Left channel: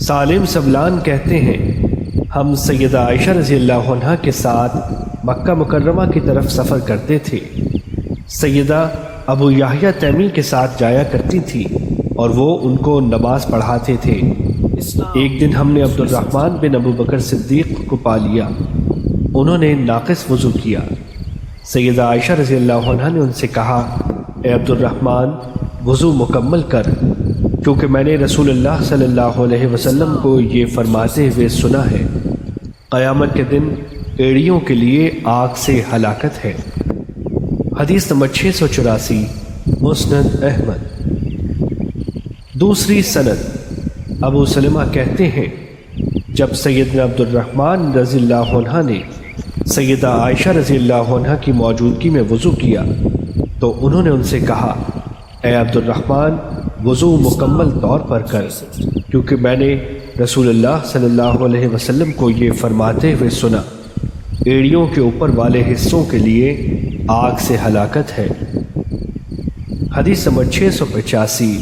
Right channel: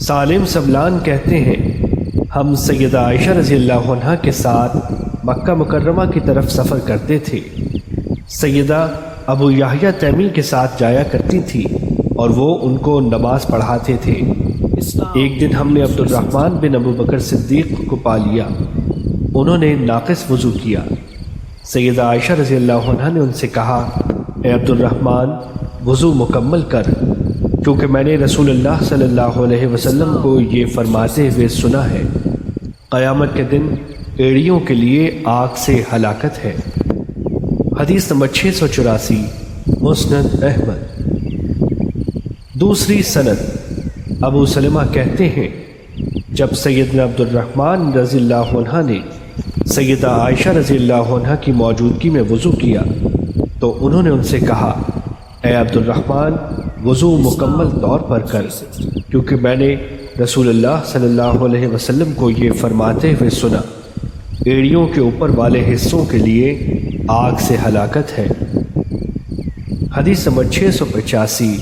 سالم سبلان کہتے ہیں ہم سیدہ عائشہ رضی اللہ عنہا کے ساتھ مکہ مکرمہ کی طرف سفر کرتے تھے۔ سیدہ ابو یحییٰ تیمی کے ساتھ جایا کرتی تھی اور وہ ان کو نماز پڑھاتے تھے۔ ایک دن ہم نے عبد الرحمن بن ابو بکر صدیق کو پا لیا، انہوں نے ناقص وضو کیا۔ سیدہ عائشہ رضی اللہ عنہا نے ان سے کہا، اے عبد الرحمن وضو مکمل کر، کیونکہ میں نے رسول اللہ صلی اللہ علیہ وسلم کو یہ فرماتے ہوئے سنا ہے، قیامت کے دن ایڑیوں کے لیے آگ سے ہلاکت ہے۔ حدیث نمبر 684 مسند احمد۔ دوسری سند ابو سلمہ کہتے ہیں جب سیدنا عبد الرحمن رضی اللہ عنہ نے سیدہ عائشہ رضی اللہ عنہ کی موجودگی میں وضو کیا تو انہوں نے ان سے کہا، اے عبد الرحمن وضو مکمل طور پر کر، کیونکہ میں نے رسول اللہ صلی اللہ علیہ وسلم کو یہ فرماتے ہوئے سنا، ایڑیوں کے اوپر والے حصوں کے لیے آگ سے ہلاکت ہے۔ حدیث نمبر 685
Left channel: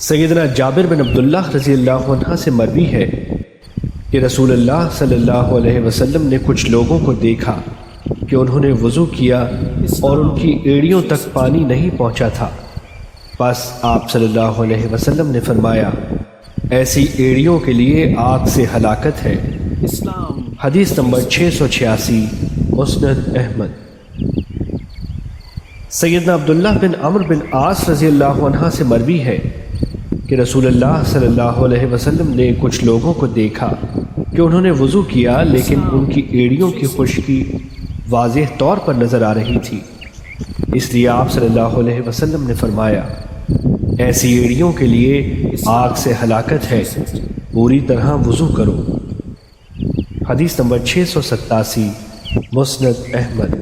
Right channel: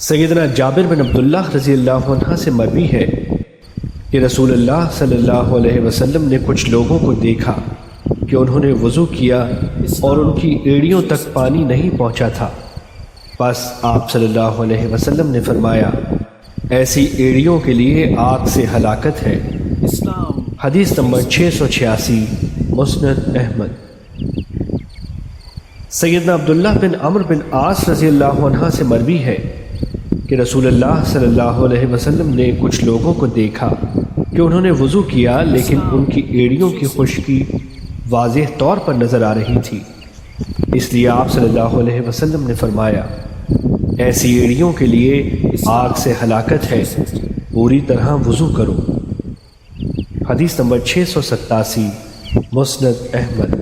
سیدنا جابر بن عبداللہ رضی اللہ عنہ سے مروی ہے کہ رسول اللہ صلی اللہ علیہ وسلم نے کچھ لوگوں کو دیکھا کہ انہوں نے وضو کیا اور ان کی ایڑیوں تک پانی نہیں پہنچا تھا، بس آپ صلی اللہ علیہ وسلم نے فرمایا، ایسی ایڑیوں کے لیے آگ سے ہلاکت ہے۔ حدیث نمبر 686 مسند احمد۔ سیدنا عبداللہ بن عمرو بن عاص رضی اللہ عنہ سے مروی ہے کہ رسول اللہ صلی اللہ علیہ وسلم نے کچھ لوگوں کو دیکھا کہ انہوں نے وضو کیا لیکن ان کی ایڑیوں کی خشکی واضح طور پر نظر آ رہی تھی، اس لیے آپ صلی اللہ علیہ وسلم نے فرمایا، ایسی ایڑیوں کے لیے آگ سے ہلاکت ہے، پوری طرح وضو کرو۔ حدیث نمبر 687 مسند احمد۔